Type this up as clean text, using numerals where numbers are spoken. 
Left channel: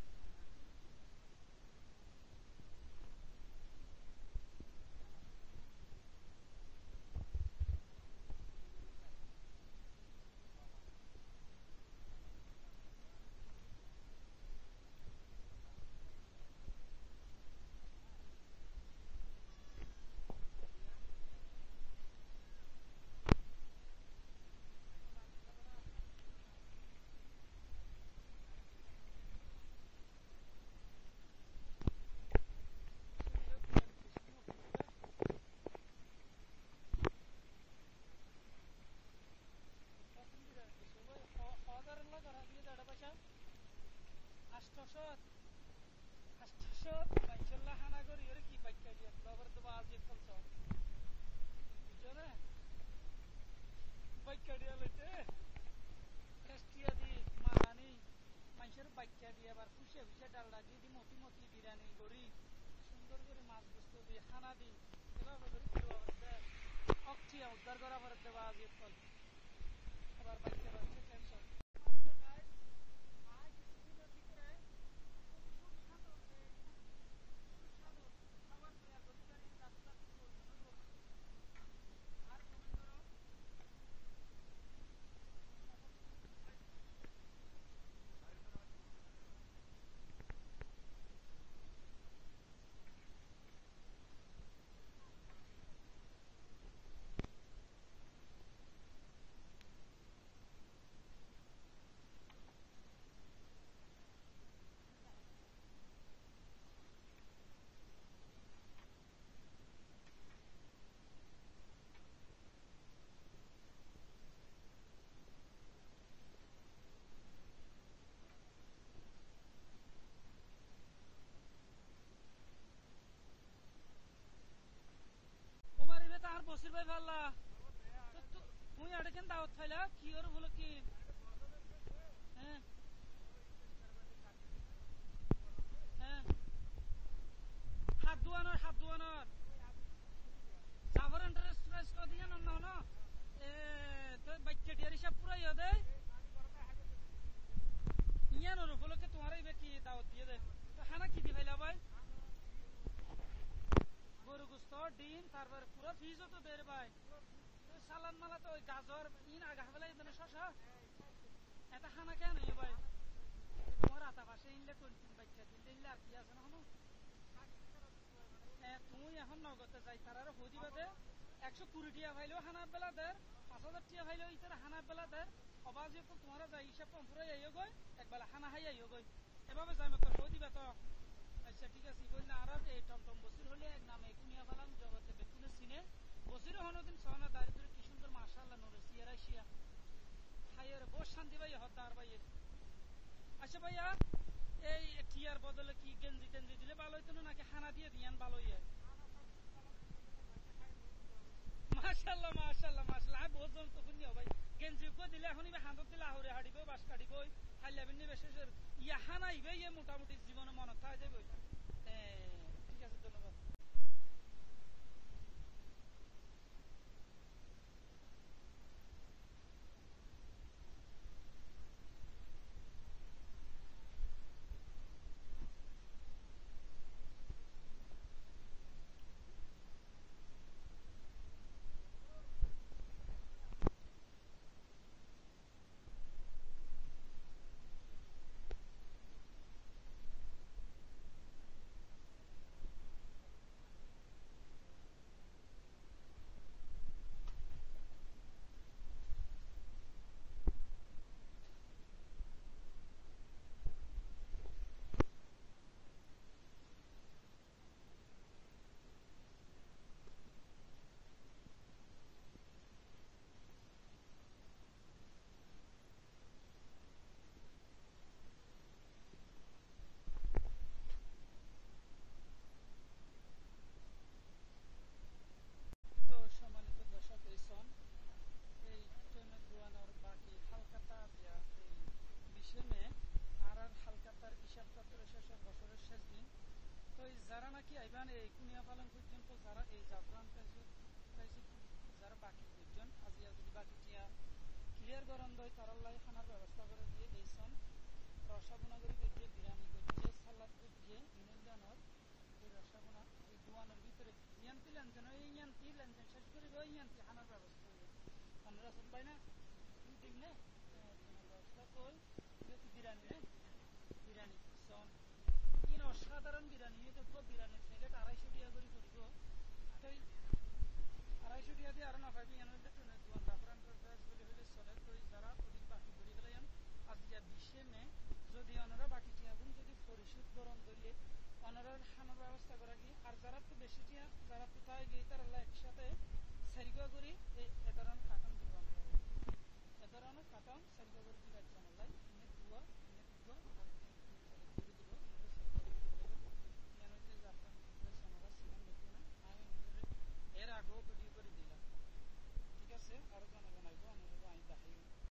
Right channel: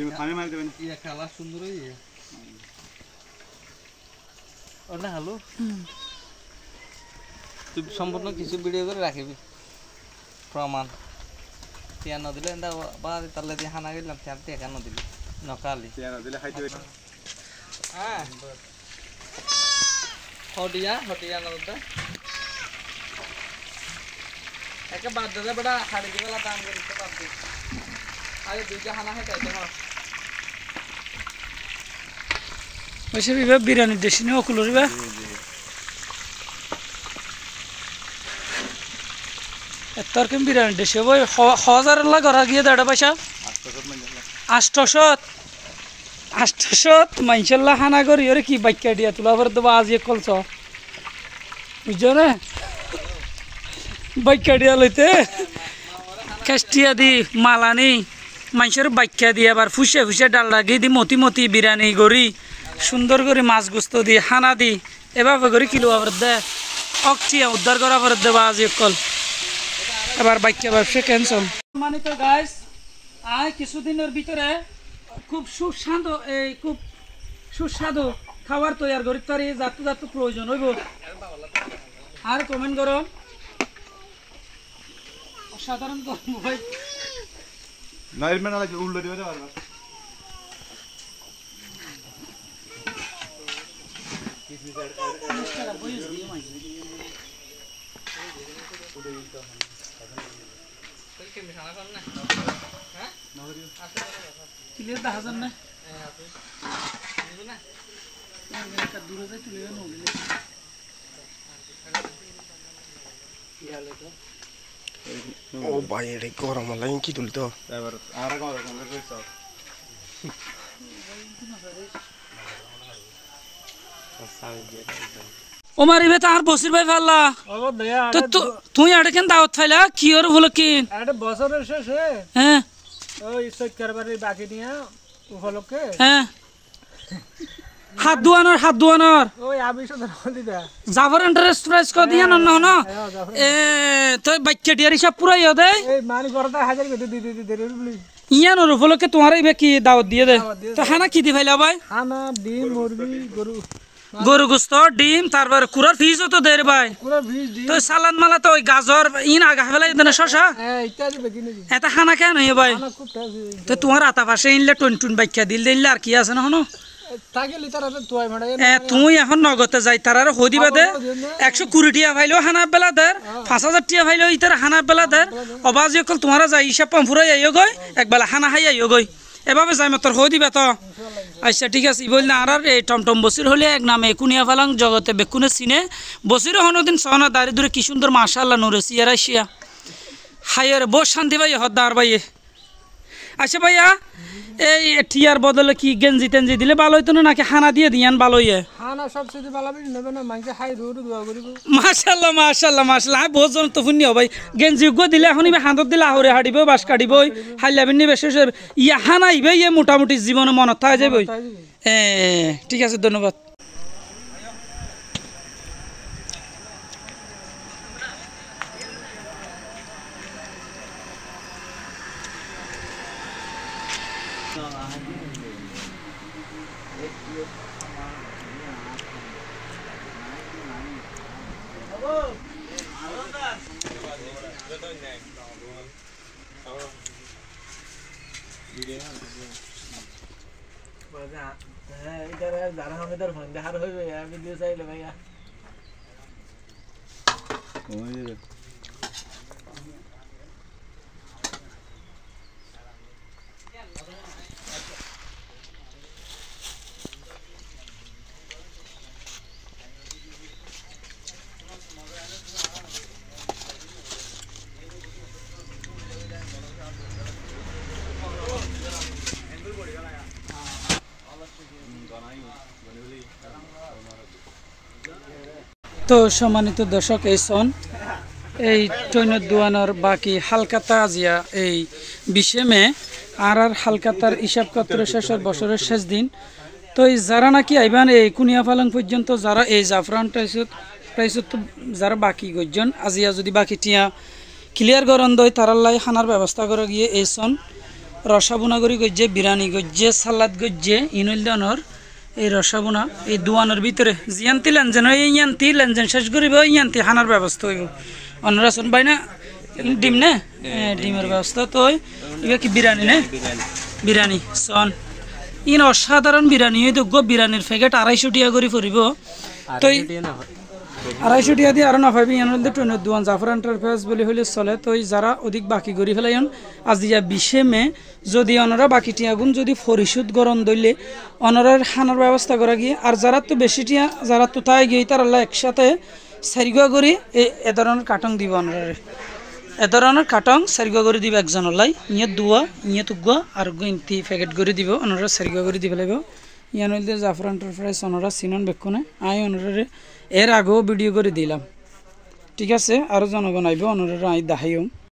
ডিম খামে মার দেবেন ইয়া কালার সুন্দর ইয়া ওটা হ্যালো তুই সম্পূর্ণ কিছু ভিডিও করে রাখিবি প্রমাণ টিয়া ন দিলে এন্দা বাদ তালে দিয়ে হানা গেলাম চারটি একা ন দিলি নকালি টিয়া ন দিলে খাইতে হবে হ্যাঁ হটিয়া ন দিতে একে বাদ দে বেটা হাড়ি দিবেলা দাম করতে পারবি আরে দুইটা হানা হয় তাইতে হয় ওইসব এবার বিরিয়ানি দেশি নিয়ে অকুল রিবা তরকারি বিরিয়ানি দেশি বই 1000 লাখ ঘরা গিয়ে দেড় পয়সা 800 মাইনশাল্লাহ হানা করি ওরে কি বাক্যা দিয়া তোলা পরে দেবো আজ কলছ বুঝছো না বাক্যা দিয়া লইতে খেষ্টিয়া দি মালানি মানুষের বাক্যা দিয়ে আবার ফুসে ফুসে ডাল লাগিয়ে দি মতি মতি বিরিয়ানি করি সুন্দর করে মাছ গুস্ত দি হানা দি এভাবে করে কিলো আবার দে অকটিয়া উদ্ধার করা পরে দেবা আজ কল এবার বাক্যা ব্যবসা ক্যান্সেল সম্মানিত গাইস আয় কিছুদিনের ভিতরে খুব সুস্বাদু খাবার তৈরি করি তার এই যাত্র প্রয়োজন হইব আর কমেন্ট করো অসাধারণ ভাই না এর মানে লাগে উল্টো দিবে বারবার ক্লিয়ার দেখা যান না দূরে যাই তুলে ও ভাই এটা গরম লাগে কি তুলি তো এবার আর গরম রইছে ওমার ইবে তার বসির ভাই ফাল্লা তো তুই আড়ে কেন দাওয়াত ফাইলা কি ওর হলো কি আরে বছরের শেষে হ্যাঁ ওই সৈয়দ কারবারের বাকি নিয়ে উপলক্ষে হ্যাঁ হাত দুয়ানোর ওই আবি সদর দিদা জাফর ইন্টারেস্ট প্রাইস কো দিয়া না না এ তো বাচ্চা ডিয়ার হিসাব পুরাই দে এই মানি করতে হাজার করে দি বলি ইয়ান ওর উপলক্ষে তোমার ইবে কি দাওয়াত দিয়ে দে তো হানা কি দি ফাইলা ভাই হানা ডিম মুরগি গরু গোস্ত ডিম তারপর কুরার ফিজও তো দের ভাই কুরার ফিজ ডিম তো সালাদ মালা তো ওই গাজর ইন আগা ফেলাই দেনা শশা হ্যাঁ ইত্যাদি বেকিনি এটা খানা কেন হই ভাই হানা খুব টাজি তো তোমার আতা পাশে ইনলে টুন বাক্যা দিলে আর কি আছে না হনো তাকে লিটার আছে তুই মাড়াই তুই এখন নগতে যাই তার হই দিবা দে 120 টিয়া ফাইলো হানা বেলা দের 5000 টিয়া ফাইলো ইতার হানা বেলা দের অবাজ কল তোমারা যাই হিসাব পাম ফুরাই আইও গই একবেলা হানা হাই আইও গই এভাবে যাই মতর হই দিবা তো আচ্ছা ঠিক আছে বল না আর এই টমটম বসির হলে এক নামে কুনিয়া ফালাং জগতে বেকুনে সিনে বসির হনদিন সহনা দারি দূরে কি সুন্দর মাশাআল্লাহ নুরে সিয়ারা শিয়া হায়ার বস শান্তি ভাই হদার ভাই আচ্ছা ভাইয়া এই টিয়ার বদলে কি গেঞ্জি টেঞ্জি দিলে ভালো হইতো না নাকি হানা দিয়ে দিয়ান ভালো হইয়ে হানা সবচেয়ে ভালো বিন নেবে না মাংস খাই দূর দোয়া করিব মাশাআল্লাহ বহুত জন তো ফুনি ভাই গেঞ্জি গো দিলে এখন ইবে হাঁদত দিলে আহরে হাড়িব বাস কাটিব হাইলাবিন নি বেশ ইয়া হানা ইবে ইয়ে মোটামুটি জীবনে মনত থাকে যাবে ঠিক আছে ধন্যবাদ যারা আমাদের ফোন দেখার হইবে ভিডিও চাইলে ভাইয়া তো সম্মানিত দর্শক এই সন এই টৈনত দোয়ানোর বাকি হালকাতা আজিয়া এই 20 মে আর হালকাতার হিসাব কত্র শেষের বছরের শেষ দিন তো এই যারা নাকি আইবান এই কুনিয়া পালং পর্যন্ত যারা এই জাফরান প্রাইসত যারা বাকি গজন আজিয়া যদি বাকি টিয়া ক্লিয়ার গরন দই তারাল্লাই খানার ব্যবস্থা করে গিয়ে এই সন রসাবুনা করি গজ্জে বিরিয়ানি গজ্জে সালাদ গজ্জে ইনইল দনর এই রসাবুনা এই দুয়ানের ভিতরে জিয়ান্তি লেনজেন এই ইয়ান্তি লেনজেন শেষ করিব ইয়ান্তি হানার ব্যবস্থা হইব অন্যরা শুন পাই না ডিম নে ডিমের ব্যবস্থা তো এবার কি বিরিয়ানি নে বিরিয়ানি সন ইন অসাধারণ বিরিয়ানি হয়তো গো বিরিয়ানির প্যাকেট 250 টাকা করে পড়িব তো 250 টাকা দিয়ে আরো না পাইবি ইয়ার মধ্যে ট্রেনের দোয়ান জাফর এন্টারপ্রাইজ বলে হইলে চলে তো যারা অধিক বাকি করি ফেলাইন আজ দিয়া 20 মে যদি অনরা বাকি টিয়াগুন যদি পরিশোধ গরম দইলে অনরার খানার ব্যবস্থা করা গিয়ে আর যারা তো বেশি টিয়া যারা তো তাই গিয়ে তারা একসাথে সারিগুয়া করি এ ধরনের কাটং দিব অনরারে এ ধরনের কাটং সারিগুয়া করে দিব একজনের লাই ইয়ে দুয়া ইয়ে তুগুয়া আর ইন্তি প্যাকেট করে দিব অনরা সারিগুয়া করে দিব লাগবে ইয়ান হইলে জাফর এন্টারপ্রাইজ অনরা সিনন বেক্ষণে আই অনরারে এর আগেও ভিডিও করে দিলাম ঠিক আছে আরও জনগণ আইব অনরা আই দেখাইম